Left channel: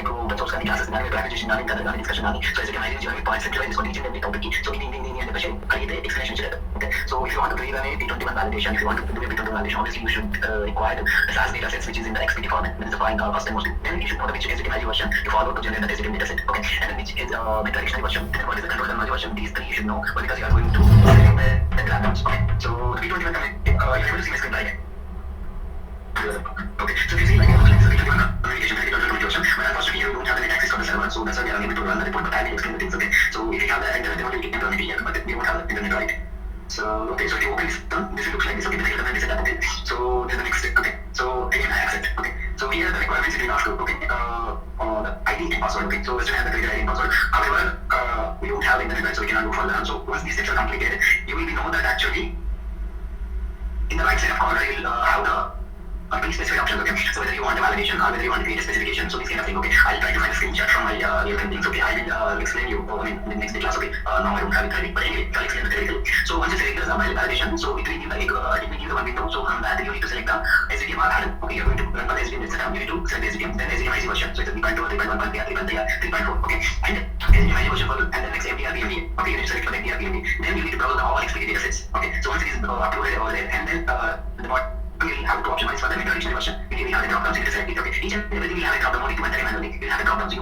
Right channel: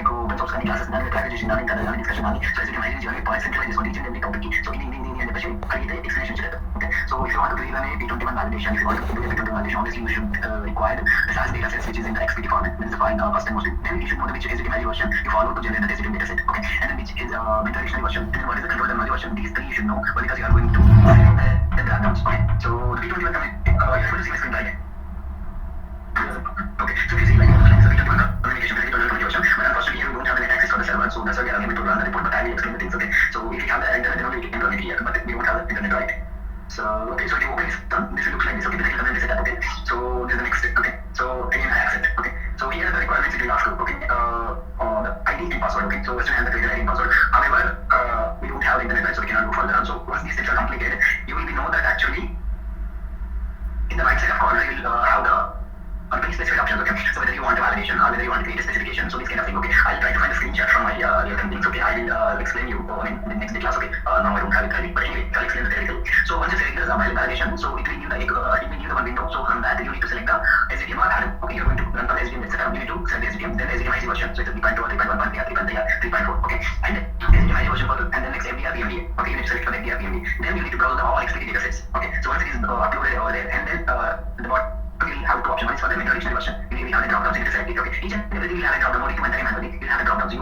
మీకు open source కానీ క్లాసెస్ కానీ ప్యాకేజేషన్ కానీ కథ కానీ డిస్కషన్ కానీ సో ఎస్ఎస్కే మైలేజ్ కానీ పాయింట్స్ సెంట్రలైజ్ చేసుకొని each and every topic so ఇది అని చెప్పేసి కలిగితే ఎక్స్ప్లెనేషన్ చేయలేదు. Okay so if you want to clear T21 validation, if you want to do T21 validation, obviously you should require the SAS data sets which is in the XPT format, which is defined first and mostly. Then you should know the which SDK value version you follow to generate the SDK data set. Okay, and then which is meta dictionary version, and then what is the control terminology version. These three you should know because you are going to the platforms. Okay, so the T21 you're able to see my screen right? Okay, so if you see like T21 communication version, but unfortunately you don't have the net access for the server, so that's why we are unable to run the report, but I will explain the things. Okay, so if you have the internet, then only you can run it here, but we don't have the internet, right? So okay, so if you open this done, this will look like this. Okay, this is the setup. Okay, so this is the next step. Okay, so again I accept. Okay, so here are the requirements it will ask you. Okay, the ID and password. Okay, so first you have the created ID and password. However, we don't have internet, right? So we cannot go further. So once these steps are completed, you will know that actually in the right side of corner you will have the specific options. Okay, so whether you want a validation or whether you want to create a specification, so this kind of thing. Okay, I'll try to find a screenshot from my real things. Okay, I will explain you in the next class. Okay, now I don't have it ready, but anyway I'll explain the theoretical. So once you select the validation, so it will give the one window. So from that you need to select the SDKM or Hadoop. Okay, you're going to run for the SDKM setup. You need to select the SDKM, then SDKM IC version. So it's a 3.2 or 3.1, 3.4. Okay, and SDKM IC version follow, and then next MDR PMD. Okay, you need to select for the MDR PMD. Then you need to browse all XPT data sets. Okay, so once it is uploaded over there, and then the bot you will have two options. One is for the meta dictionary version. You will have the drop downs. You need to select it. Okay, each and everything will have a drop down. Only to enter manually. You will have a drop downs. You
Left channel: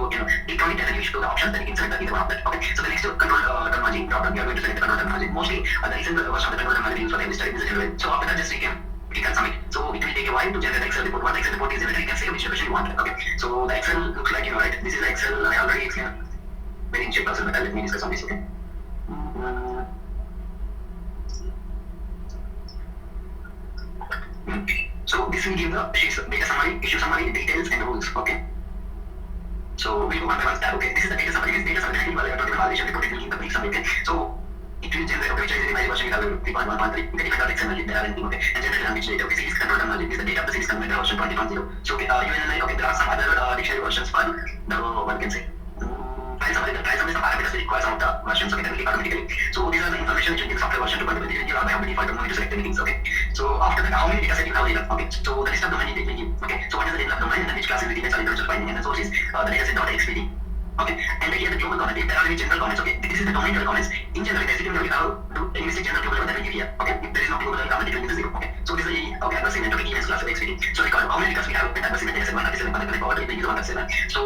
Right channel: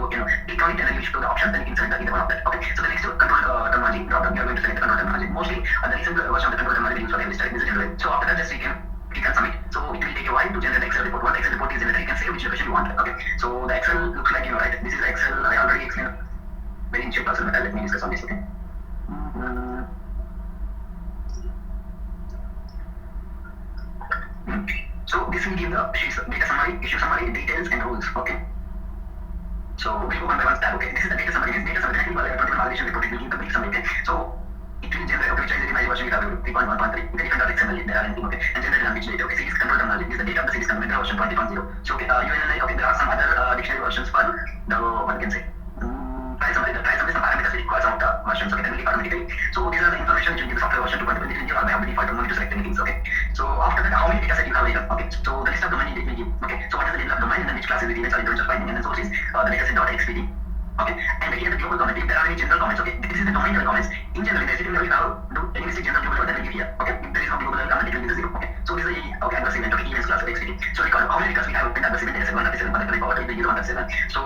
click on it and then you should do the options. Then you can select either one of that. Okay, so the next control terminology drop down. You are going to select the control terminology. Mostly the recent version of the control terminology used for every study. This is general. So after that, just you can click on submit. So it will take a while to generate the Excel report. Once the Excel report is generated, you can say which location you want. Okay, so the Excel looks like right. This is the Excel. I already explained very in shape also, but let me discuss on this. Okay. So this will give the data summary, issue summary, details and rules. Okay. So we'll go one by one step. Okay. This is the data summary. This data summary technical validation report. It will give the brief summary. Okay. So it will generate which is the version we have 3.1.3. You can even XML there are anything. Okay. And generate language data. Okay. Series control terminology. This is the data of the series control version 20.0. So okay. UNLI. Okay. There are some other dictionary versions for the what you can say. Try summary. The try summary is the parameters we require some of the versions. Okay. That will be automatically. So these are the information which will give the software version 2.0. You have the default. Don't need to select anything. Okay. So after that, how many data set you have later? Okay, so the list of domain it will give. Okay, so what is the data of domain and then which class is the image are just finding and then source is the data set.xpd. Okay, and here the global domain. If there are any general comments, okay, this is the domain level comments. In general, in SDKM, you have do any mistake general global that will give here. Okay, if there is no global level comment, it will give 0. Okay, so this is the adverse event. Okay, events class of xpd. So record how many records we have with adverse event data set 137 connected power to the user 137. So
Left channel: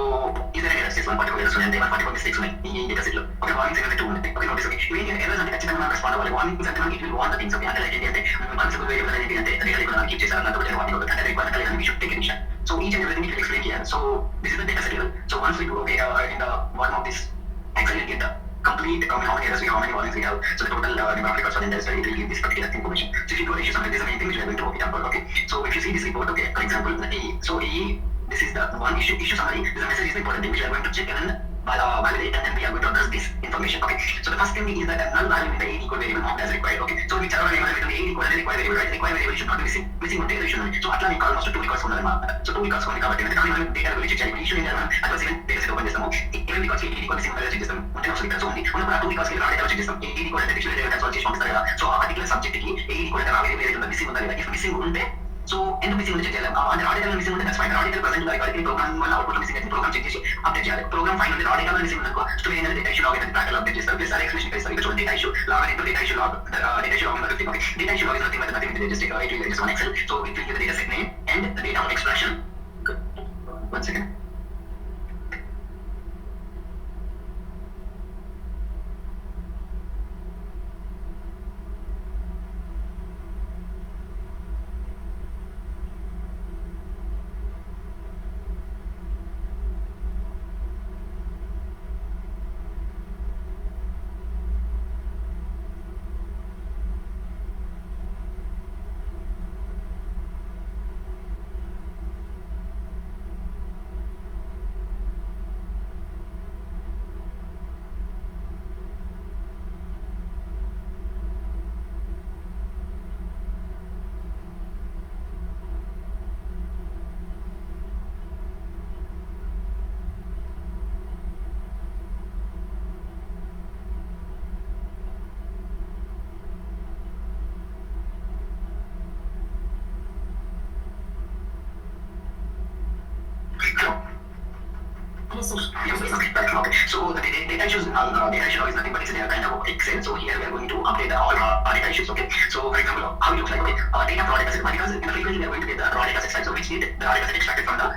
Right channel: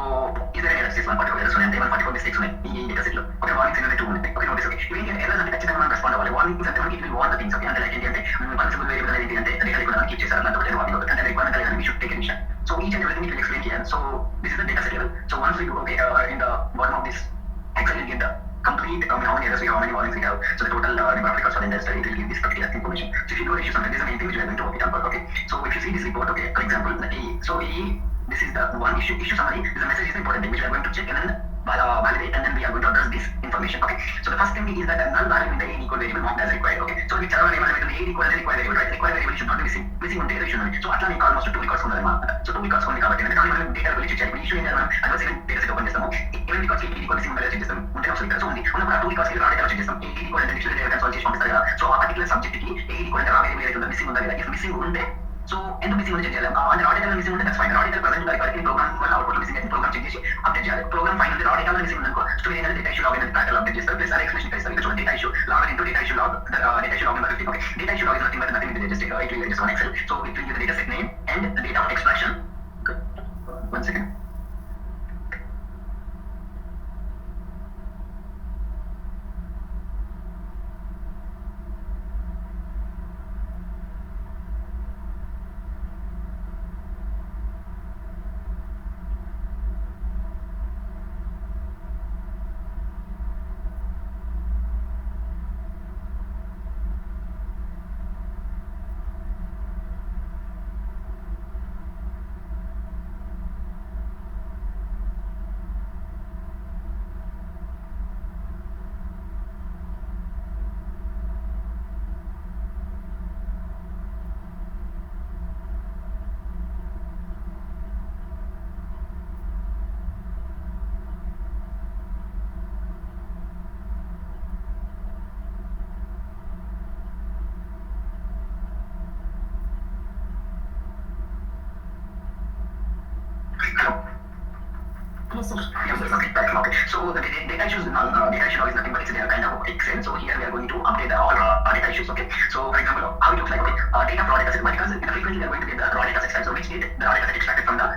is there any errors? This 144 errors and 144 mistakes on the data set. Okay, warnings in the 2. Okay, notice. Okay, you can errors and ఖచ్చితంగా respond అవ్వాలి. Warnings అంటే మనకి it will warn the things. Okay, అంటే like ఏంటి అంటే permissible variable అనేది అంటే డేటా లేకుండా మనం కీప్ చేశారు అన్నట్టు అంటే వార్నింగ్ అవుతుంది. అంటే రిక్వైర్మెంట్ లేదని we should take action. So each and everything we will explain here. So this is the data set level. So once we do okay in the bottom of this Excel will give the complete how many errors we have, how many warnings we have. So the total number of records for the entire study, it will give this particular information. So if you do issue something, this is the main thing which we are going to work it out. Okay. So if you see this report, okay, for example, the AE. So AE, this is the one issue summary. This message is the important thing which we are going to check and then validate, and then we are going to address this information. Okay. So the first thing is that the null value in the AE equal variable not as required. Okay. So we tell our name and the AE equal required variable, right? Required variable should not be missing. Missing one data should not. So atla we almost 2 records unnadannమాట. So 2 records ఉంది కాబట్టి అంటే మనం డేటా గురించి చెక్ చేయాలి. Issue ఏంటంటే మనం advance event data set open చేస్తాము. Event records AE equal missing check చేస్తాం. ఉంటే అసలు ఇక్కడ సో ఉంది. ఉన్నప్పుడు ఆ 2 రికార్డ్స్ కి రా డేటా చెక్ చేస్తాం. AE equal అంటే డిక్షనరీ డేటా సాల్వ్ చేసి పంపిస్తారు కదా. సో ఆ పర్టిక్యులర్ సబ్జెక్ట్ కి AE equal అంటే రా వేరియబుల్ ఏదైతే ఉందో మిస్సింగ్ ఉందా లేదా. ఇఫ్ మిస్సింగ్ ఉంటే సో ఎందుకు మిస్సింగ్ ఉంది చెక్ చేయాలి. అంటే రా డేటా మిస్సింగ్ ఉంటే that's fine. Raw data present ఉందా ఇక్కడ ప్రోగ్రామ్ వల్ల అవుట్పుట్ మిస్సింగ్ అయితే ప్రోగ్రామ్ చెక్ చేసి అప్డేట్ చేయాలి. ప్రోగ్రామ్ ఫైన్ ఉంది రా డేటా మిస్సింగ్ ఉందనుకో స్టోరీ అనేది డేటా ఇష్యూ లాగ్ అనేది ప్యాటర్న్ అప్డేట్ చేస్తారు. ప్లస్ అదే ఎక్స్ప్లెనేషన్ ఇస్తారు. ఇక్కడ చూడండి data issue log into data issue log data issue log number 15. Okay, data issue log is nothing but nothing just it will just one Excel. So it will give the data set name and the data of extraction. Okay. One second. Yes, sir. Yeah, okay, right, okay. So the data issues, data issue now is nothing but it's a kind of Excel. So here we are going to update all our data issues. Okay. So for example, how it looks like. Okay, data raw data set. Because in the frequently we are going to get the raw data set side. So which need the raw data set extracted from the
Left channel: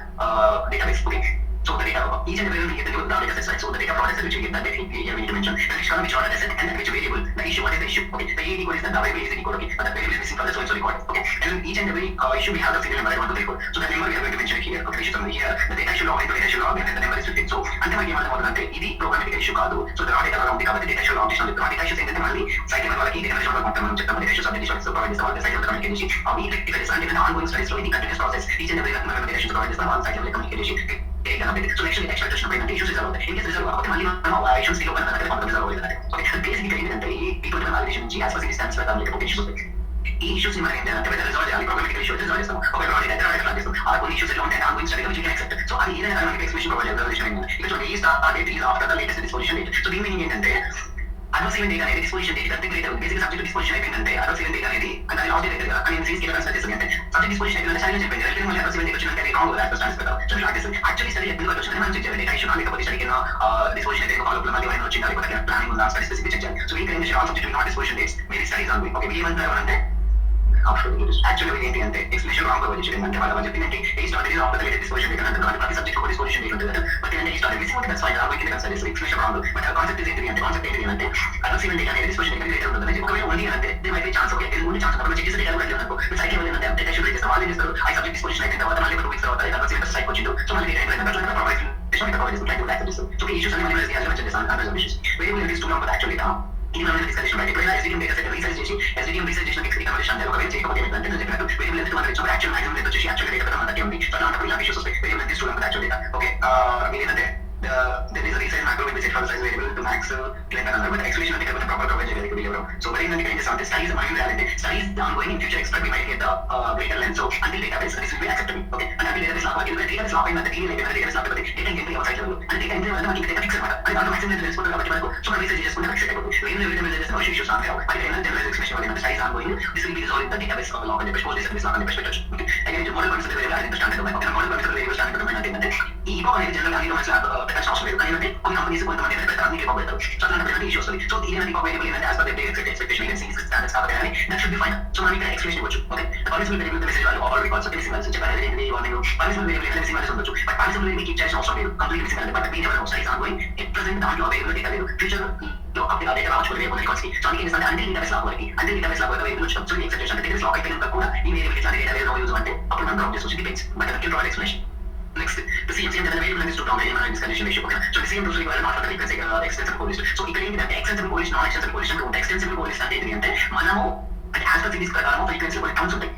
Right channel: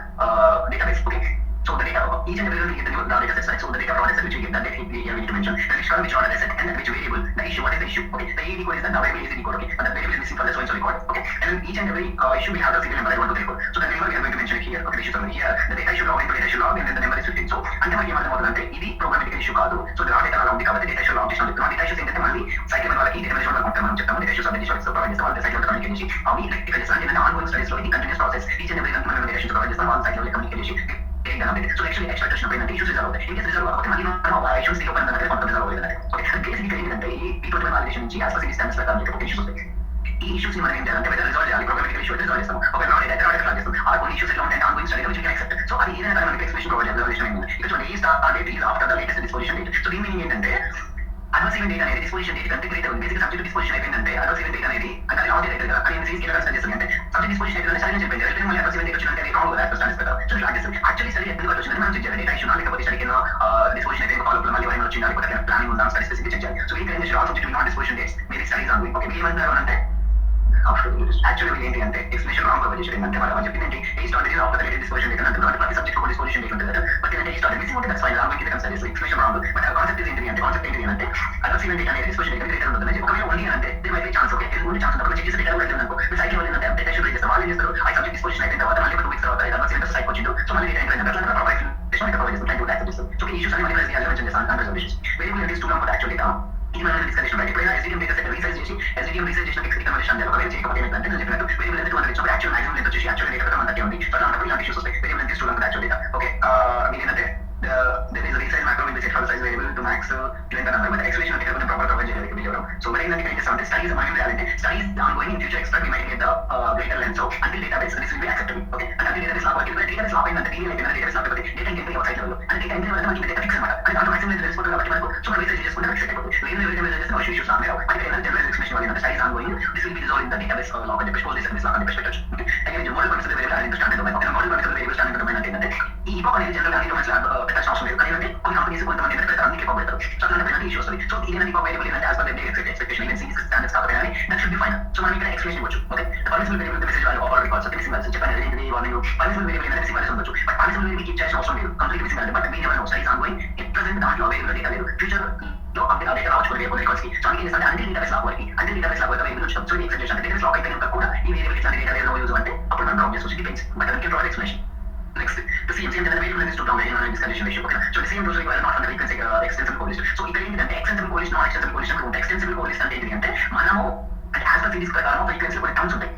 database. Okay. So the data each and every we get the new raw data set side. So the data raw data set which we get that here we need to mention the which column which raw data set and then which variable the issue. What is the issue? Okay. The AD code is the variable is the code. Okay. But the variable is missing for the so record. Okay. And each and every issue we have the serial number that 1 2 3 4. So the number we are going to mention here. Okay. Issue summary here. The data issue log into data issue log and then the number is 15. So అంటే మనకి ఏమవుతుందంటే ఇది ప్రోగ్రామిక్ ఇష్యూ కాదు. సో రా డేటా అలా ఉంది కాబట్టి డేటా ఇష్యూ లాంగ్ చేసిన రా డేటా ఇష్యూస్ ఏంటంటే మళ్ళీ సైట్ లెవెల్ వాళ్ళకి డేటా ఇష్యూ కొంటాం మనం చెప్తాము డేటా ఇష్యూస్ అప్డేట్ చేసి ప్రొవైడ్ చేస్తాం వాళ్ళ సైట్ లెవెల్ కమ్యూనికేట్ చేసి అవి రెక్టిఫై చేస్తాం అంటే ఆన్గోయింగ్ స్టడీస్ లో ఇది continuous process each and every మనం డేటా ఇష్యూస్ ప్రొవైడ్ చేస్తాం వాళ్ళ సైట్ లెవెల్ కమ్యూనికేట్ చేసి సో నెక్స్ట్ ఎక్స్ట్రాక్ట్ వచ్చినప్పుడు ఏంటంటే ఇష్యూస్ రిజాల్వ్ అవుతాయి. ఇన్ కేసు రిజాల్వ్ అవ్వకపోతే మళ్ళీ మనం ఆ ఇష్యూస్ కి ఓపెన్ అనేది కొంత రిజాల్వ్ అవ్వలేదు. ఓకే బేసిక్ ఏంటంటే ఈ T21 వాలిడేషన్ నుంచి యాజ్ పర్ సిస్టమ్స్ ప్రకారం లేకపోతే ఇష్యూస్ ఉంటాయి. ఈ ఇష్యూస్ ని మనం ఏం చేయాలంటే వెదర్ రిజాల్వ్ చేయాలి ప్రోగ్రామిక్ ఇష్యూస్ రిజాల్వ్ చేస్తాం. ఒక రాడ్ డేటా క్లాస్ చేస్తాం. ఆ కొన్ని ఇష్యూస్ ఎలా ఉంటాయి ongoing study which can accept. So అది ఏదైనా మనకి ఎక్స్ప్రెషన్ ప్రొవైడ్ చేయాలి రిజల్యూషన్ ఏంటి ఇక్కడ చూడండి ఈ start date is after the latest disposition date. So దీని మీనింగ్ ఏంటంటే అడ్వాన్స్ ఈవెంట్ డేట్ అనేది డిస్పోజిషన్ డేట్ కంటే గ్రేటర్ బేసిక్ సబ్జెక్ట్ డిస్పోజిషన్ అయిపోయిందంటే అడ్వాన్స్ ఈవెంట్ డేట్ అనేది అంటే లాస్ట్ డేట్ కదా కానీ సీస్ కి కన్సిడర్ చేస్తుంది అంటే సబ్జెక్ట్ డిస్పోజిషన్ అయితే సరిగ్గా చెప్పింది అంటే మళ్ళీ అడ్వాన్స్ ఈవెంట్ డేట్ వచ్చిందంటే రాంగ్ కదా అట్లా స్టాండ్స్ కదా. సో ఇట్లా చేస్తుంది యాక్చువల్లీ సరి ఎప్పుడు వచ్చిందని మనం చెక్ చేయాలి డేటా ఇష్యూ లేకపోతే సరిగ్గా డిస్పోజిషన్ అయితే ఫాలో అప్ మళ్ళీ ఏమైనా వచ్చిందా లేకపోతే ప్లానింగ్ ఉందా స్టడీ స్పెసిఫిక్ చెక్ చేయాలి. సో ఈ claim all subject not disposition dates maybe studies on okay మీ ఏమంటారు అంటే యాక్చువల్లీ ఏంటి అంటే ఎక్స్ప్లెనేషన్ రాంగ్ ప్రొవైడ్ చేయండి అంటే వాళ్ళు చెప్పింది ఈ start is after the latest disposition date అంటే ప్రతి సబ్జెక్ట్ కూడా డిస్పోజిషన్ డేట్ ఉంటుంది కదా. బట్ ఏంటంటే ఈ స్టార్ట్ మిస్సింగ్ ఉంటే దట్స్ ఫైన్ రాంగ్ కింద కన్సిడర్ చేసి ఎక్స్ప్లెనేషన్ రాంగ్. బట్ కాన్సెప్ట్ ఏంటి అంటే కాన్సెప్ట్ ఏంటి అంటే అడ్వాన్స్ ఈవెంట్ డేట్ అనేది డిస్పోజిషన్ డేట్ గ్రేటర్ ఉంటుంది. ఒకవేళ ఉంది అంటే they might be chance okay only chance ఉన్నప్పుడు చెక్ చేసే డేటా కూడా అనుకో సైట్ లెవెల్ అంటే అప్డేట్ ఇష్యూ చేస్తారు వాళ్ళు ఏం చేస్తారు ఆ సబ్జెక్ట్ డిస్పోజిషన్ అయిన తర్వాత మళ్ళీ 2 వీక్స్ తర్వాత అడ్వాన్స్ ఈవెంట్ సైట్ వచ్చిందో సో మళ్ళీ డేటా అయిన తర్వాత ప్రొవైడ్ సో ఈ ఇష్యూస్ అన్ని మనం మెన్షన్ చేస్తాం అంటే issues variable is to know actually ఇది మనం డిస్కషన్ రైట్ ఇప్పుడు ఎస్డిఎం డేటా సెట్ రీసెర్చ్ చేసి ఎస్డిఎం రీసెర్చ్ చేసిన టెక్స్ట్ రికమెండేషన్ అంటే ఒకవేళ చేయకపోతే ఏంటంటే నేను చెప్పినట్టు వేరియబుల్ ఎంత 200 ఇచ్చినప్పుడు యాక్చువల్ మాక్సిమం ఎంత వచ్చేసి యాక్చువల్ డేటా అంతా ఉంది. సో అలాంటప్పుడు ఇలాంటి ఇష్యూస్ వస్తాయి వేరియబుల్ ఎంత is to know actual data okay ఏంటంటే there is a resize macro in which it file size variable to max length and but explanation అంటే కొంచెం ప్రాపర్ ప్రొవైడ్ చేయాలి వీడియోలో. సో మరి ఏంటంటే ఏం చేస్తామంటే స్టడీస్ మనం ఏం చేయాలంటే studies ongoing in future expect we might get the greater length so until database this will be acceptable okay and until database lock అంటే database lock అయిందంటే టీవీ అయితే database lock అయిపోతే data entry out side level అంటే data entry వల్ల మనకి data fix అన్నమాట అంటే దాంట్లో మాక్సిమం తెలుసుకోవాలి కాబట్టి మనకు సో మనం రీసెర్చ్ చేసుకుంటే ఫిక్స్ అయిపోతుంది. వేరే వేరే చేస్తే అవసరం ఇష్యూస్ ఆమె బట్ ఏదైనా జనరల్ ఎక్స్ప్లెనేషన్ వల్ల studies ongoing this will be resolved in the database lock అని చెప్పి database lock అని చెప్పి పెట్టొచ్చు. అగైన్ మోడల్ కాన్సెప్ట్ వేరే అంటే standard domain okay model concept వేరే స్టాండర్డ్ డొమైన్ అంటే ఏంటంటే ఈ ఈపోక్ అనేది జనరల్ గా మనకి పెట్టాల్సిన అవసరం లేదు కానీ అంటే కొన్ని కంపెనీస్ కొంతమంది ఏంటంటే అందుకే ఈపోక్ పెడతారు. సో అలాంటి ఇష్యూస్ వస్తాయి. సో ఇది ఈపోక్ వేరియబుల్ ఏంటంటే as per the expectation you can see standards కాబట్టి that should be fine. So మనం ఇక్కడ ఎక్స్ప్లెనేషన్ ఇవ్వచ్చు okay permissible variable the message value all records missing values చెప్పాను ఏంటి వాల్యూ పర్మిసిబుల్ వేరియబుల్ ఏంటంటే మిస్సింగ్ వాల్యూస్ ఉండొచ్చు but permissible variable keep చేయాల్సిన అవసరం లేదు complete missing value but mean ఎవరైనా స్టడీస్ ఆన్గోయింగ్ ఇట్ ప్రెజెంట్ దాంట్లో వేరియబుల్ డేటా లేదు ఫ్యూచర్ లో అప్డేట్ అదే రావచ్చు వేరియబుల్ రికార్డ్స్ కి. సో అందుకే అంటే అంటే డేటాబేస్ లాక్ వరకు అంటే డేటాబేస్ లాక్ వరకు వేరియబుల్ వచ్చినప్పుడు సో ఎక్స్పెక్టేషన్ అంటే డేటాబేస్ లాక్ అయిపోయినాక కూడా ఈ వేరియబుల్ ఇట్లా డేటా లేదు నో యూజ్ అంటే అప్పుడు మనం డ్రాప్ చేసుకోవచ్చు depends but I can provide explanation. Next, the same that available in this two-down in this condition ratio. Okay. So the same rules require not from the frequency extensible code list. So ఇక్కడ ఏంటంటే extensible code list, non extensible code list అంటే ఉంటాయి. extensible code list అంటే ఏంటి అంటే మనము అంటే as per series ప్రకారం ఫ్రీక్వెన్సీ కొన్ని టర్మ్స్ ఉంటాయి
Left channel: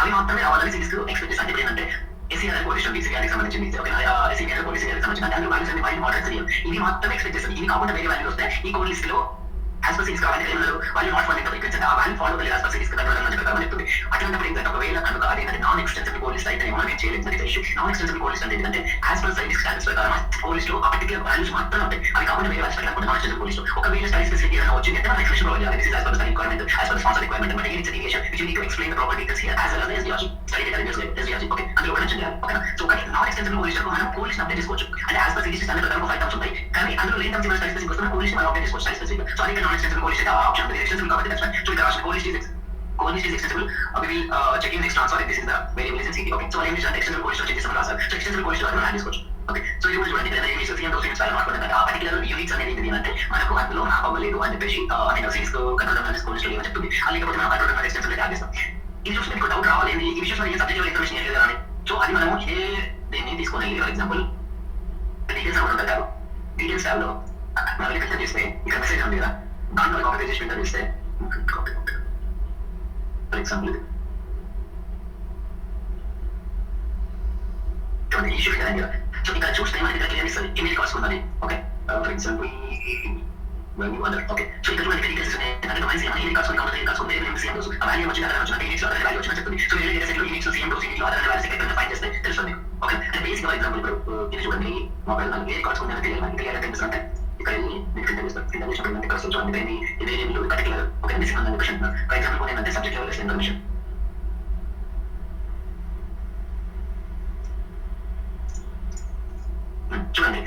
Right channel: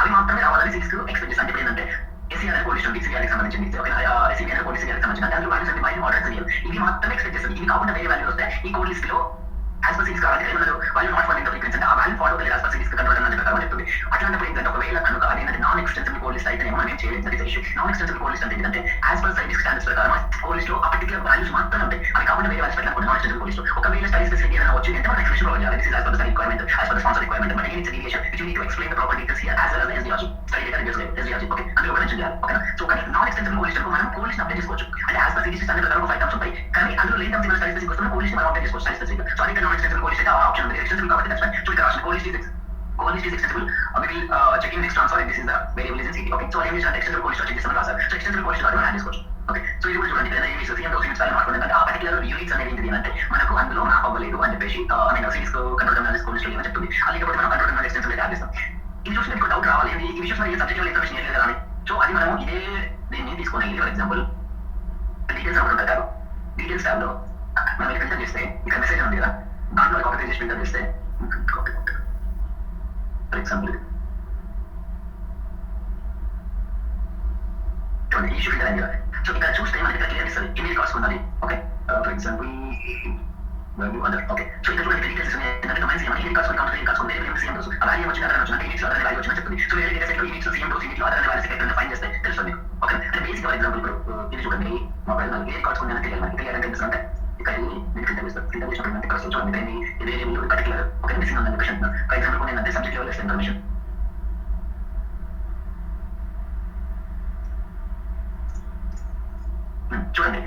అవి మాత్రమే రావాలని సిరీస్ ఎక్స్పెక్ట్ చేస్తాం. అంటే ఏంటంటే ఎస్సీఆర్ కోడ్ లిస్ట్ ఉంది సిఆర్కి సంబంధించింది ఓకే ఎస్సీఆర్ కోడ్ లిస్ట్ సంబంధించిన దాని వాల్యూస్ అన్ని వైల్ ఆర్డర్ చేయాలి ఇవి మాత్రమే ఎక్స్పెక్ట్ చేస్తాం. ఇవి కాకుండా వేరే వాల్యూ వస్తే ఈ కోడ్ లిస్ట్ లో యాజ్ పర్ సిరీస్ కావాలి వాళ్ళు నాట్ ఫాలో ఫ్రీక్వెన్సీ అంటే ఆ వాల్యూ ఫాలో అవ్వాలి యాజ్ పర్ సిరీస్ కంట్రోల్ అన్న ప్రకారం చెప్తుంది. అట్లాంటప్పుడు ఏంటంటే ఒకవేళ కనుక అదేంటంటే నాన్ ఎక్స్టెన్సిబుల్ కోడ్ లిస్ట్ అయితే మనం ఏం చేయలేదు అది issue. Non extensible code list అంటే ఏంటంటే యాజ్ పర్ సైన్స్ స్టాండర్డ్స్ ప్రకారం కోడ్ లిస్ట్ లో ఆ పర్టికులర్ వాల్యూస్ మాత్రమే ఉంటాయి అవి కాకుండా వేరే వాల్యూస్ పెట్టకుండా నాన్ ఎక్స్టెన్సిబుల్ కోడ్ లిస్ట్ ఒకవేళ స్టడీ స్పెసిఫిక్ ఏదైనా వచ్చింది అంటే మనం ఎక్స్ప్రెషన్ ప్రొవైడ్ చేయాలి. This is as per the requirement as per the sponsor requirement but it's deviation which you need to explain the proper details here as well as SDRG study data results SDRG okay అందులో కూడా mention చేయాలి okay. So కానీ non extensible code list మనం code list update చేసుకోవచ్చు అంటే as per series standard ప్రకారం 5 టర్మ్స్ ఉంటాయి కానీ అందులో లేని టర్మ్స్ స్టడీ స్పెసిఫిక్ వస్తే కోడ్ లిస్ట్ మనం అప్డేట్ చేసుకోవచ్చు స్టడీ స్పెసిఫిక్. సో అందుకే నాన్ ఎక్స్టెన్సిబుల్ కోడ్ లిస్ట్ అయితే ఆ ఆప్షన్ ఉంది ఎక్స్టెన్సిబుల్ కాబట్టి దట్స్ ఫైన్. సో ఇక్కడ code list is extensible we will checking this transfer this is the variable is in city okay. So I use extensible code list check this class so extensible code list మనం యాడ్ చేసుకోవచ్చు okay. So ఇది కూడా చూడండి ఇక్కడ ఏమి so CM units అలా మాట్లాడుకుంటే ఆ పర్టికులర్ యూనిట్స్ అనేది ఏంటి అంటే మనకు అందులో మ్యాప్ అవ్వలేదు అని చెప్పేసి I mean series control analysis code list లేదని చెప్తుంది. అలాగే మనం కంట్రోల్ అనాలిసిస్ ఎక్స్టెన్సిబుల్ యాడ్ చేస్తాం. ఇది చూస్తే మీకు డౌట్ రావాలి ఈ విషయం ఏ సబ్జెక్ట్ లో ఇన్ఫర్మేషన్ ఏది కదా అని. సో అది మనము ఇదే దీన్ని తీసుకొని ఫర్ ఎగ్జాంపుల్ డీటెయిల్స్ అవ్వడం కాదు డీటెయిల్స్ టాబ్ లో మనం ఫిల్టర్ చేస్తే ఇక్కడ మెసేజ్ ఉంది కదా దాంట్లో కాపీ చేసి ఫిల్టర్ చేస్తే ఫర్ ఎగ్జాంపుల్ చూడండి ఇష్యూ ఫిల్టర్ అయింది కదా. సో ఇక్కడ చూస్తే మనకి ఇక్కడ క్లియర్ ఇస్తుంది ఇమేజ్ కాసుకున్నది okay for example value other okay. So ఇక్కడ చూడండి డీటెయిల్స్ అంటే డొమైన్స్ ఏమైనా ఇమేజ్ కాసుకుని కంప్లీట్ కాసుకుని ఏమైనా సేమ్ డోస్ ఆ వాల్యూ వచ్చిన తర్వాత ఇమేజ్ అదర్ వాల్యూ వచ్చిన చెప్తుంది. సో వేరే సెట్ లో image same dose image other value second find చేస్తే తెలుస్తుంది ఓకే. అంటే బేసిక్ ఫర్ ఎగ్జాంపుల్ ఇప్పుడు ఇది చూడండి మొబైల్ మనకి ఏ కాసుకుని తెలియాలి మనకి క్లియర్ అంటే తెలుస్తుంది. ఇక్కడ వెళ్ళి మీరు ఫిల్టర్ చేస్తారు ఫిల్టర్ చేసినప్పుడు అంటే ఇక్కడ చూడండి ఇది వేరియబుల్ పర్టికులర్ ఓకే మిస్సింగ్ ఉందని క్వశ్చన్ ఫర్ ఎగ్జాంపుల్ ఏంటంటే సబ్జెక్ట్ లెవెల్ ఇన్ఫర్మేషన్ చూడండి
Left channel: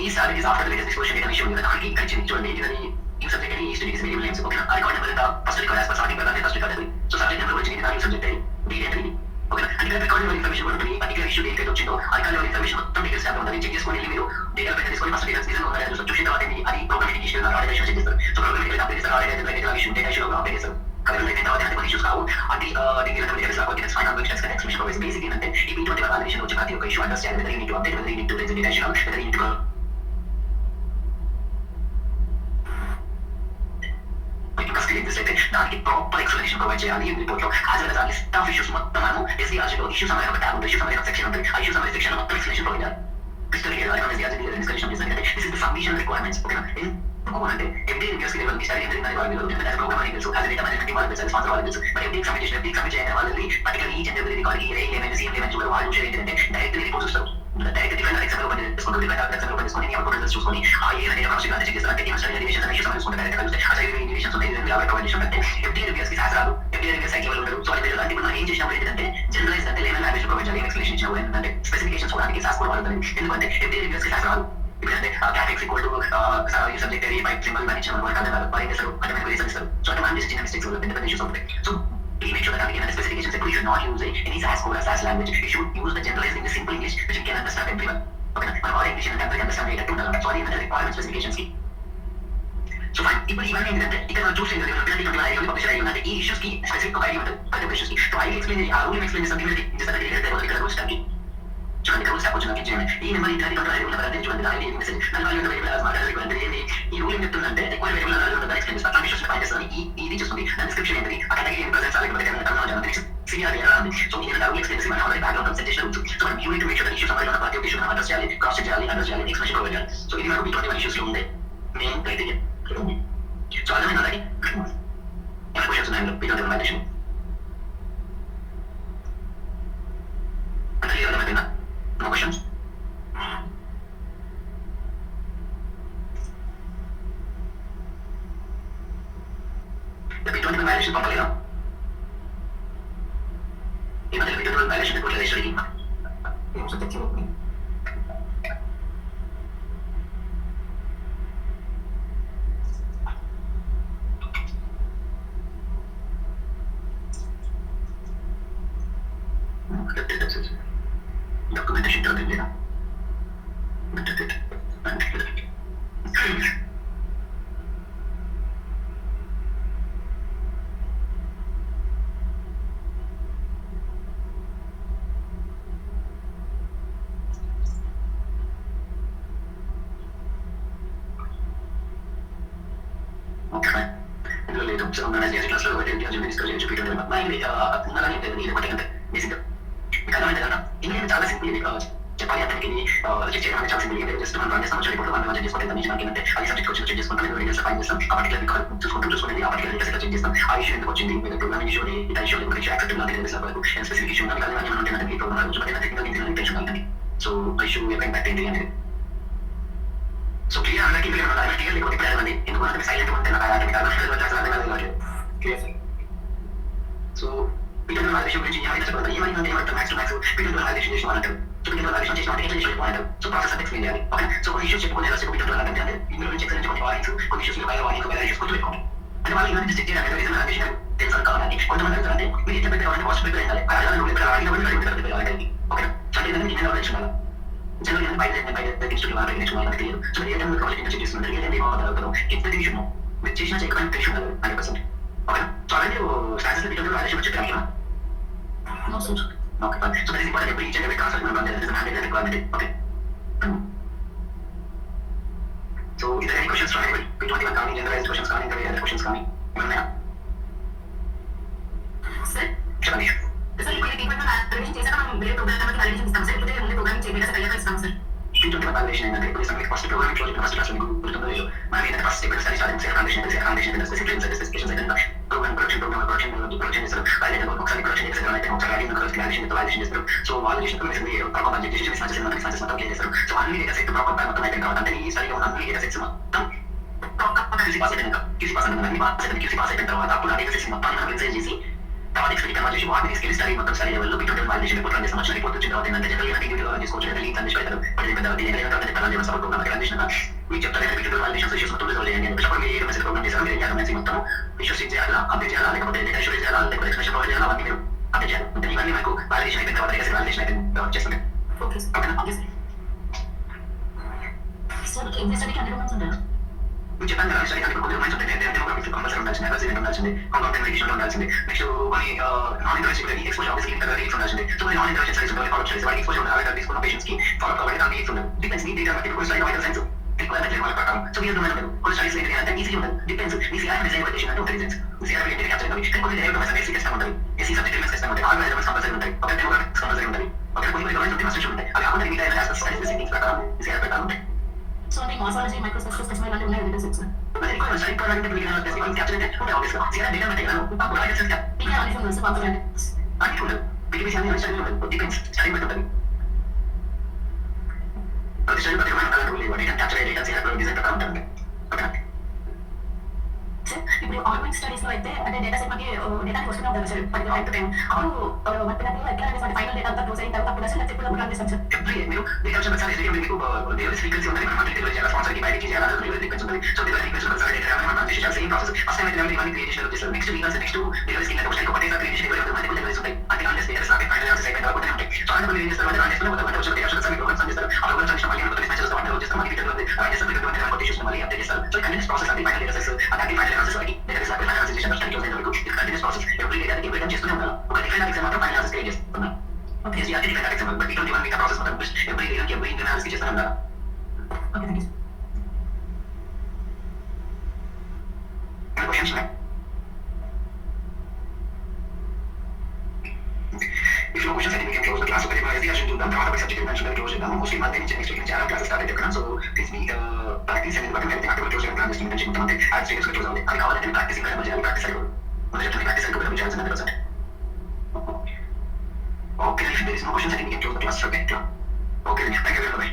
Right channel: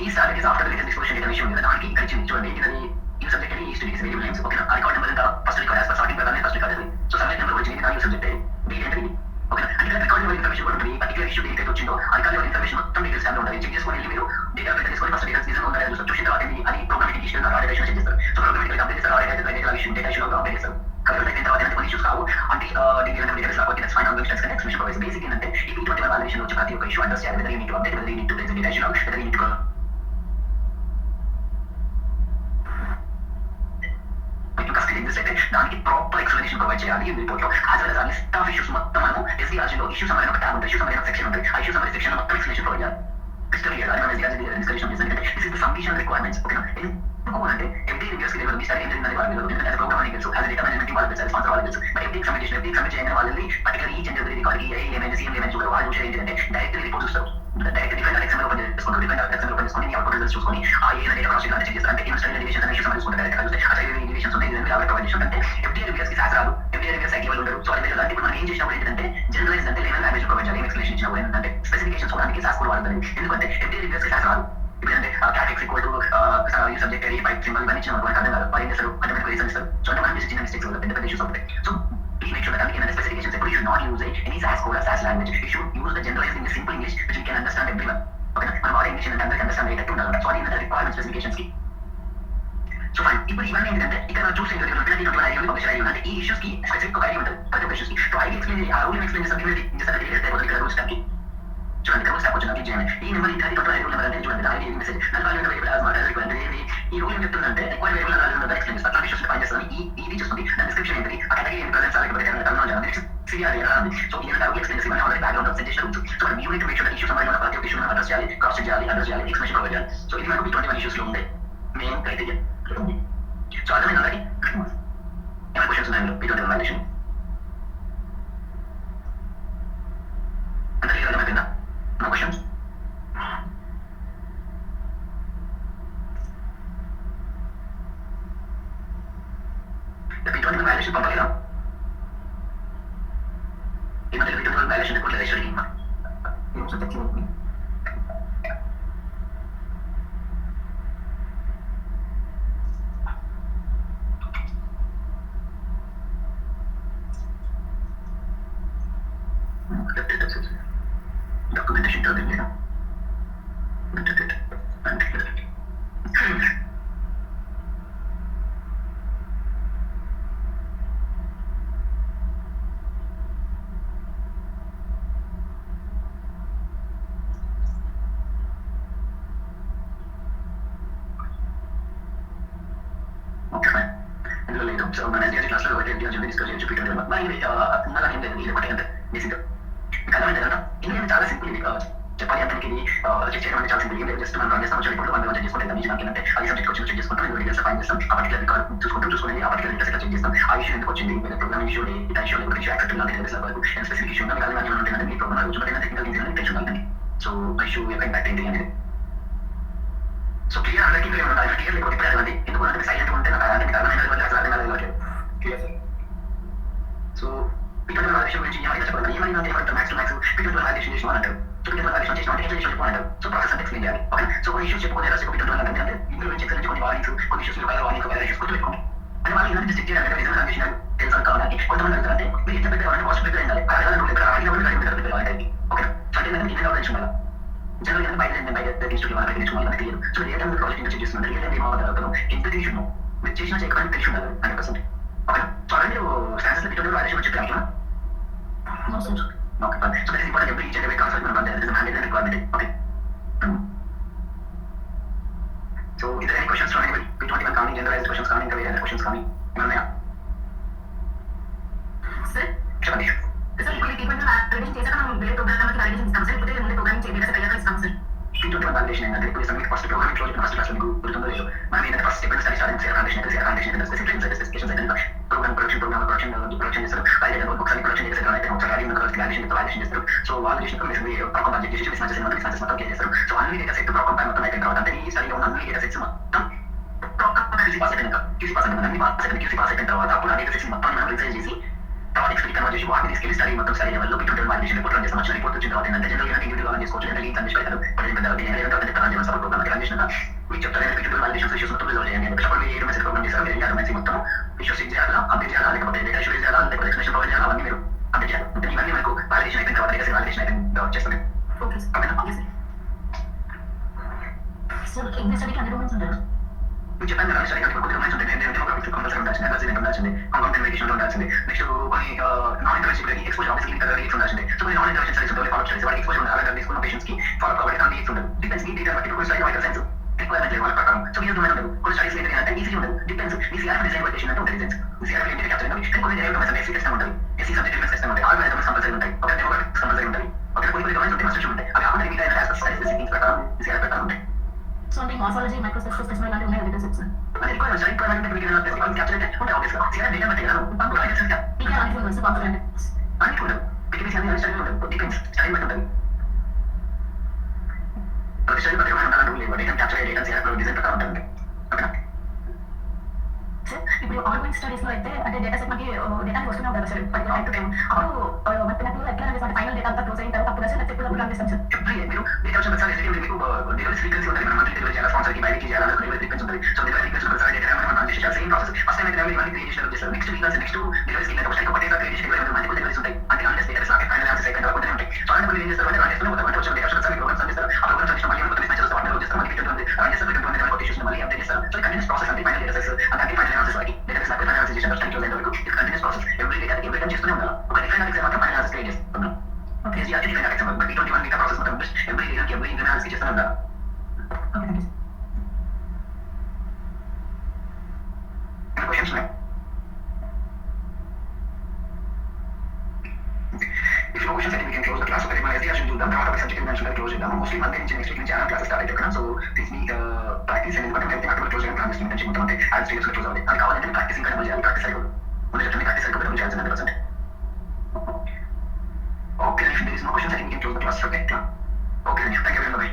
ఈ star is after the release disposition data విషయం మీద దానికి ఇక్కడ ఇచ్చింది చూడండి ఏంటది ఈ సబ్జెక్ట్ అని ఈ స్టడీస్ వేరియబుల్ నేమ్స్ ఓకేనా ఆ రికార్డ్ నెంబర్ ఎంత first record as per sorting ప్రకారం ఫస్ట్ రికార్డ్ అది సో సబ్జెక్ట్ నెంబర్ వచ్చింది దాని సబ్జెక్ట్ డేట్ ఏంటది ఓకేనా అంటే ఇక్కడ రికార్డ్ నెంబర్ ఇన్ఫర్మేషన్ కూడా ఉంటుంది పర్టికులర్ ఇష్యూ డేట్ వచ్చిందో ఆ రికార్డ్ నెంబర్ ఇన్ఫర్మేషన్ మొత్తం డీటెయిల్స్ గా ఉండాలి చెక్ చేసుకొని మీరు డేటా బేస్ తీసుకొని ఫస్ట్ డీటెయిల్స్ నిజంగా ఉండాలి చూసిన తర్వాత అది ప్రోగ్రామింగ్ ఇష్యూ ఆర్డర్ చెక్ చేస్తారు సో ప్రోగ్రామింగ్ అప్డేట్ చేస్తారు order data issue data issue update చేస్తారు కాబట్టి అయిన తర్వాత కొన్ని ఇష్యూస్ కావు అంటే details okay that's fine ambitions కదా ఎక్స్ప్రెషన్ ప్రొవైడ్స్ బేసిక్ ఏంటంటే ఈ ఇటువంటి వాల్యుయేషన్ వచ్చి ప్రతి ఒక్క issue understand weather you need to update weather you need to raise data issue whether you need to అయితే దానికి ప్రాపర్ ఎక్స్ప్లెనేషన్ ప్రొవైడ్ చేయాలి రిపోర్ట్ లో as well as list of issues మొత్తం మనము ఎస్డీఆర్జీ లో ఇష్యూస్ అనే ఒక ట్యాబ్ ఉంటుంది ఇష్యూస్ అనే సెక్షన్ ఉంటుంది ఆ ఇష్యూస్ అనే సెక్షన్ మొత్తం ఎక్స్ప్లెనేషన్ ప్రొవైడ్ చేయాలి క్రిస్టల్ క్లియర్ గా ఎస్డీఆర్జీ డిస్కషన్ చేసినట్టే this is the submission requirements ఓకేనా ఎందుకు అంటే ఎవ్రీ రిక్వెస్ట్ కి లెవెల్ ఇస్తారు ఏంటంటే వాళ్ళు ఎందుకంటే ప్రోగ్రామింగ్ తెలుసు యాజ్ డేటా మేనేజ్మెంట్ వాళ్ళకి తెలుసు రెస్పాన్స్ వాళ్ళకి తెలుసు బట్ ఎవ్రీ సబ్మిట్ చేయడం వాళ్ళని పర్టికులర్ ఈ జనరల్ రికార్డ్ ఈ ఏమైనా సీఎం ఏమైనా చూడాలి వాళ్ళు చూసేది ఏంటంటే డైరెక్ట్ రిపోర్ట్ చూస్తారు డైరెక్ట్ డిఫరెంట్ ఎక్సామ్ ఓపెన్ చేసుకుంటారు డిఫరెంట్ ఎక్సామ్ ఓపెన్ చేసుకొని అవుట్పుట్ రిజల్ట్స్ చూసుకొని ఆ ఏ డేటా ప్రాసెసింగ్ అంటే చెక్ చేస్తారు అంటే ఈ స్టడీ డెరివేషన్స్ అనే ఇష్యూస్ చూసుకుంటారు డైరెక్ట్ చూస్తే అసలు ఈ డెరివేషన్స్ ఉన్నాయి ఇవన్నీ అవైట్ ప్రొవైడ్ చేస్తారు అంటే ఎవ్రీ రిక్వెస్ట్ కి శాస్త్రాలు ఎవ్రీ రిక్వెస్ట్ సైకిల్ వాళ్ళు ఉంటారు సో అయితే అంటే మనం ఏం చేసినప్పుడు ఏంటంటే జనరలైజ్ అంటే లేవల్ లాంగ్వేజ్ ప్రొవైడ్ చేయాలి ఎక్స్ప్లెనేషన్ ఇచ్చినప్పుడు ఏంటంటే స్పెసిఫికేషన్స్ కూడా అందుకే శాస్త్రం వాడుతుంది ఎందుకంటే ఎవ్రీ రిక్వెస్ట్ కి శాస్త్రాలు ఇప్పుడంటే క్యాటెక్స్ ఈక్వల్ టు ఈ సబ్జెక్ట్ ఏరియా పైప్ సింబల్ ఇవన్నీ ఇచ్చిన మనకు అర్థం కాదు వాళ్ళు ఏం చేస్తారు అంటే మనకు రీజన్ ఇస్తారు సో అంటే మనం చేసే చిన్న మిస్టేక్స్ వల్ల పెద్ద పెద్ద ఇష్యూస్ ఉంటాయి సో ఈ make sure that again the specifications that you should not use any SAS code or SAS language. You should use the generalized in the simple English which you can understand everyone. Okay, మనం all English అంటే అందరికీ అండర్స్టాండ్ అయ్యేటట్టు ఉండాలి సో అది requirement specifications కి so fine ఇప్పుడు ఇవన్నీ ఏంటంటే ఇక్కడ మనం చూస్తే పబ్లిష్ అయ్యి ఉంటే ఈ ఇష్యూస్ కి స్పెసిఫిక్ ఒక ఐడి ఉంటుంది ప్రతి ఒక్క ఇష్యూస్ కి సో ఐడి ఎక్స్ప్లెయిన్ ఆ రూల్ ఎక్స్ప్లెయిన్ చేస్తాను ఇక్కడ రూల్స్ టైప్ చూడండి రూల్స్ టైప్ వచ్చిన చేయండి ఈ నెంబర్ ఇంటర్ కంట్రోల్ నెంబర్ అంటే చూడండి దాని మెసేజ్ దాని వాల్యూ వేరియబుల్ మాట్లాడాలి ఏంటి ఈ రూల్ ఏం చెప్తుందంటే రిక్వైర్ వేరియబుల్ వాల్యూ ఉందా ఎక్స్ప్లెయిన్ చేస్తాను అట్లా ఇష్యూస్ ఫైన్ చేస్తాను ఇది చూస్తుంది దాని డిస్క్రిప్షన్ ఏంటి ఆ కేటగిరీ ఏం ప్రెజెంట్ అలాగే senior so even that will explain this in our background presentation also so you need to make sure that issues are not part of issue address chali cross chali address chali explanation provide so ఇది మనకు 21 issues లో ఉంది main criteria so అలా అలాగే ఏమైనా క్వశ్చన్స్ ఉన్నాయో beyond valuation అంటే ఏమైనా అయినా no questions the B21 valuation పంపాలి కదా ఈ మధ్య వీడియో వాల్యుయేషన్ రిపోర్ట్ లో వేసారు ఏమో సబ్జెక్ట్ ఉంది డాక్యుమెంటేషన్ టర్న్ లేదా సో మన క్లాస్ లో డిస్కస్ చేయొచ్చు పీరియడ్ మరి అలాగే ఇది ఒకటి అంటే బేసిక్ కదా అంటే కదా ఇండియన్ చాలా సింపుల్ ఇది చెప్పాలి అంటే ఇది చెక్ చేయడం అంటే చాలా సింపుల్ ఇది జస్ట్ మనం రన్ చేస్తాం వచ్చి రిపోర్ట్ వన్ చెక్ చేసుకుంటే దాని మనకి ఏంటంటే అది సబ్జెక్ట్ వచ్చి చెక్ చేసుకుంటాం రిజల్ట్స్ ఫైన్ చేస్తాం ఆ పర్టికులర్ రికార్డ్ చూసుకొని ఆ పర్టికులర్ డేటా చెక్ చేస్తాం ఆ ఇష్యూ ఎందుకు వచ్చింది ప్రోగ్రామింగ్ ఇష్యూ డేటా ఇష్యూ లేకపోతే ఇష్యూ యాక్సెప్టబుల్ అంటే తెలుసు వరకు స్పెసిఫిక్ ఇష్యూ ఉండాలి అలాగే మనం ఏంటంటే ఈ ప్రోగ్రామ్ చూసుకుంటే టెక్నికల్ ఇంటెన్షన్ ఉంటుంది సో ఇష్యూ యొక్క ఇంపాక్ట్ ఏంటి అనేది సో క్లియర్ అందరికీ క్లియర్ ఉండాలి క్లియర్ లేకపోతే ఇప్పుడు అడగండి ఎందుకంటే సైలెంట్ ఉంటే నాకు అలాంటి clear sir so video valuation గురించి ఏమైనా చెప్పాలి ఏమైనా max to max video valuation చేసిన అంటారు సో వీడియో వాల్యుయేషన్ చేసిన అంటే ఎట్లా చెప్పాలంటారు సో ప్రాసెస్ అంతా ఎక్స్ప్లెయిన్ చేయాలి ఓకే సో కొన్ని ఇష్యూస్ చెప్పుకుంటే ఎలా వీడియో అంటే ఇందులో నుంచి ఎక్స్ప్లెయిన్ కొన్ని వార్నింగ్స్ కొన్ని ఇష్యూస్ మీద వార్నింగ్ వేరే ఇష్యూస్ కొంచెం పెట్టుకోండి అంటే వాళ్ళు ఇవన్నీ జస్ట్ చేయాలి రీజన్ వాల్యుయేషన్ తెలుసు కావాలి కొంతమంది అంటే మీరు ఎట్లా పెట్టాలంటే కాస్ట్ ప్రిపేర్ అయ్యాలి అలాగే ప్రిపేర్ అవ్వాలి ఓకే సో అంటే నేను ఏమైనా ఆలోచన ఉండాలి జనరల్ బయట ఇన్స్టిట్యూట్ వాళ్ళకి నేర్చుకోవాలి మనకి తెలియదు సో ఏ టైంలో ప్రాజెక్ట్ చెక్ చేస్తుంటే ఏ టైం ఏమవుతారు ఎంత తెలియదు మీరు చేసిన చెక్ అని తెలిసి ఉండాలి 100% ఓకే సో అలాగే స్టాండర్స్ వీడియో వాల్యుయేషన్ చెప్పాలి no sense okay fine so that is important for each and every concept and there is a mandate requirement okay so is there any questions from anybody we don't even coming generalized questions coming any other questions coming Manaya sir చెప్పండి sir ఇప్పుడు department valuation చేశాక మనం వేరే programme valuation ఇస్తాం సార్ ఇప్పుడు ముందు ప్రోగ్రామింగ్ చేయడానికి తయారు ఇస్తాం సార్ P21 వాల్యుయేషన్ ఏంటంటే ఇప్పుడు submit first program close first class మీకు గుర్తుందో లేదో మనం ఏంటంటే ఫస్ట్ స్టెప్ స్టడీ స్టార్టింగ్ సేర్ కండిషన్ స్పెసిఫికేషన్స్ అయితే ప్రోగ్రామ్ ప్రొడక్షన్ చేస్తారు అయితే ఒకసారి ప్రొడక్షన్ చేస్తారు అయితే ఒకసారి యాడింగ్ క్లారిఫికేషన్ వాల్యుయేషన్ చేస్తారు so valuation commission proper budget చేసి మొత్తం క్లియర్ చేస్తారు సో అన్ని డేటా సెట్ ప్రాపర్ మొత్తం అయిపోయిన తర్వాత అంటే ఈ స్టడీలో ఉన్న అన్ని డేటా సెట్స్ మొత్తం క్యూసీ పాస్ అయిపోయిన తర్వాత అప్పుడు ఆ డేటా సెట్స్ మొత్తం మనం రిజైన్ చేసి తర్వాత నెక్స్ట్ కన్వర్జేషన్ వాటిని తీసుకెళ్ళి స్టడీ మొత్తం స్టడీ లెవెల్లో బిట్వీన్ వాలిడేషన్ రిపోర్ట్ రన్ చేస్తాం. వచ్చిన రిపోర్ట్ వచ్చిన తర్వాత ఏంటంటే జనరల్ గా ఇండివిజువల్ గా చేసుకోవచ్చు. అంటే లీడ్స్ అన్ని పెడతారు. బట్ ఏంటంటే రన్ చేసిన సపోర్ట్ ప్రోగ్రామ్ రన్ చేసిన మీకు చెప్తారు బిట్వీన్ వాలిడేషన్ ఇష్యూస్ మొత్తం రిజాల్వ్ చేయండి అని చెప్పేసి అప్పుడు మీరు మెసేజ్ ప్రోగ్రామ్ చేస్తారు. మీరు ఎంఎస్సీ మొత్తం ఇష్యూస్ చేయాలా, అప్డేట్ చేయాలా, లేకపోతే డేటా ఇష్యూస్ చేయాలా, లేకపోతే ఎక్స్ప్లెనేషన్ ప్రొవైడ్ చేయాలా, అవన్నీ మీరు అప్డేట్ చేయాలి. అంటే ఇవన్నీ మీకు వాలిడేషన్ అయిపోయిన తర్వాత డేటా వాలిడేషన్ అయిపోయిన తర్వాత చేస్తుంది. Okay sir. ఎవ్రీ స్టడీకి అన్ని రూమ్స్ ఉంటాయి. మీకు చెప్పాను కదా స్టడీ కొద్దిగా రూమ్స్ ఉంటాయి. ఏంటంటే ఒక కంపల్సరీ ఉండాల్సింది, రెసిడెంట్ ఉండాల్సింది, కాంపౌండ్ వెకేషన్ ఉండాల్సింది. నెక్స్ట్ కొన్ని non intervention exposure obviously interviews ఉండాల్సింది. సో కొన్ని నాన్ ఇంటర్వెన్షన్ స్టడీస్ ఉంటాయి, ఫాలో చేసి వాటి ఎక్స్పోజర్ ఉండాలి. తీసుకున్న పేషెంట్స్ కి ఫాలో అవ్వాలి, దాని నీడ్స్ ఉండదు. డిపెండ్స్ నీ డేటా బట్టి కొన్ని స్టడీ వైటల్ సైన్స్ రిక్వైర్మెంట్ వాళ్ళ ప్రకారం. సో మీరు ఉండదు కొన్ని స్టడీస్ ఏంటి అంటే ఈజీ ఉండదు. డిపెండ్స్ మీ సిఆర్ డిజైన్ వైటేషన్ అంటే ఉంటుంది. సిఆర్ ఏంటి క్యాప్చర్ అవ్వాలి. కానీ కొన్ని డైరెక్ట్ మెసేజ్ సిస్టమ్ ఉంటుంది, ఎస్సీ సబ్జెక్ట్ సిస్టమ్ ఉంటుంది, ఆల్ ఎలిమెంట్స్ కంపల్సరీ ఉంటాయి, ఒక డెమోగ్రాఫిక్స్ కంపల్సరీ ఉంటాయి, ఒక కొన్ని డొమైన్స్ ఉంటాయి, కన్స్ట్రక్షన్ ఉంటాయి. అవి కాకుండా మిగతా ఆస్పెక్ట్స్ స్టడీస్ సెట్టింగ్స్ ప్రకారం సిఆర్ ప్రకారం ఉంటాయి. సో అంటే మార్ఫాలజీ, మైక్రోస్కోప్, స్పెసిమెన్ లాంటివి ఉన్నాయి డేటా సెట్స్. రిక్వైర్మెంట్స్ అంటే మీకు క్యాప్చర్ అంటే ఉంటాయి ఆబ్వియస్గా. సిఆర్ డేటా బట్టి కదా ఇంకా అన్ని ఫోన్స్ కాంపోనెంట్స్ అన్ని ఉండదు. బిగినింగ్స్ అన్ని స్టడీ ఉంటుంది, డిపెండ్స్ స్టడీ బట్టి ఉంటుంది. ప్రతి స్టడీ బట్టి ఉండాలంటే లేవు. Data capture data CR design ప్రకారం ఉంటుంది. ఓకేనా? ఇప్పుడు ఆన్లైన్ స్టడీస్ లో అయితే అంటే డేటా సెట్ మనకి డేటా వస్తూనే ఉంటుంది sir particular time to time. అప్పుడు మనకి ఎట్లా అంటే ఫైనల్ డేటా అంతా క్లోజ్ అయిన తర్వాత అప్పుడు అసలు ఎప్పుడు రన్ చేస్తాం సార్. మీరు డేటా ప్రసారం చేసి మీకు డెలివరీ ఫ్రీక్వెన్సీ ఉంటుంది. మనం డెలివరీ చేయాలి, స్పాన్సర్ కి బయటికి చేయాలి, డెలివరీ ఫ్రీక్వెన్సీ ఉంటుంది. సో డెలివరీ ఫ్రీక్వెన్సీ ప్రసారం చేయాలి, మనం రన్ చేసే same process. First time delivery ఇవన్నీ క్రియేట్ చేస్తారు. Next week next delivery scheme ఒకటి ఒకటే క్రియేట్ చేయాలి. మల్టిపుల్ డెలివరీస్ ఉంటాయి. అంటే ఆన్ చేస్తే డేటా ఫైనల్ ఆన్సర్ సెకండ్ వరకు ఉంటాయి. సో అంటే మీరు ఏం చేస్తారు అంటే రన్ చేస్తారు, మొత్తం వచ్చే డేటా ప్రసారం ప్రోగ్రామ్స్ చేస్తారు. ఆ ప్రోగ్రామ్స్ చేసిన మళ్ళీ కొత్త డిస్పాచ్ చేస్తారు, అంటే చేస్తారు, మళ్ళీ రిటర్న్ ఉంది, రన్ చేస్తారు, రిటర్న్ ఉంది, కొత్త ఇష్యూస్ మళ్ళీ అప్డేట్ చేస్తారు. సో కంటిన్యూస్ ప్రాసెస్ అంటే ఫైనల్ డేటా సెట్స్ అంటే ఫైనల్ ఆన్సర్స్ వరకు డేటా సెట్స్ ఫైనల్ ఆన్సర్ చేసిన స్టడీ క్లోజ్ అయిన వరకు కంటిన్యూస్ ప్రాసెస్. ఎవ్రీ డేటా కి రిటర్న్ చేస్తూనే ఉండాలి. ఒక డిఫరెంట్ ఎగ్జామ్ మాత్రం ఫైనల్ ఆన్సర్ క్రియేట్ చేస్తాం. ఓకే, ఇది అదే డిఫరెంట్ ఎగ్జామ్ బట్ ఇటువంటి వన్ ప్రాసెస్ మొత్తం ఎవ్రీ డేటాకి ఎవ్రీ ఇంటర్నల్ ఆన్సర్ చేస్తూనే ఉండాలి. Okay thank you. Questions, ma'am? If no questions, I think we can close the class. Okay, my SDR should do them. Now, subject mentioned, close it down. Mostly Monday, next week, classes start. So, this week, practice and then everything after close and plan this mention. Monday, I'll stay to close on it. I call it practicing kind of practice cycle. Only just practice cycle, which is 100%. Okay, if there is no questions, I think we can close the class. Okay, thank you very much.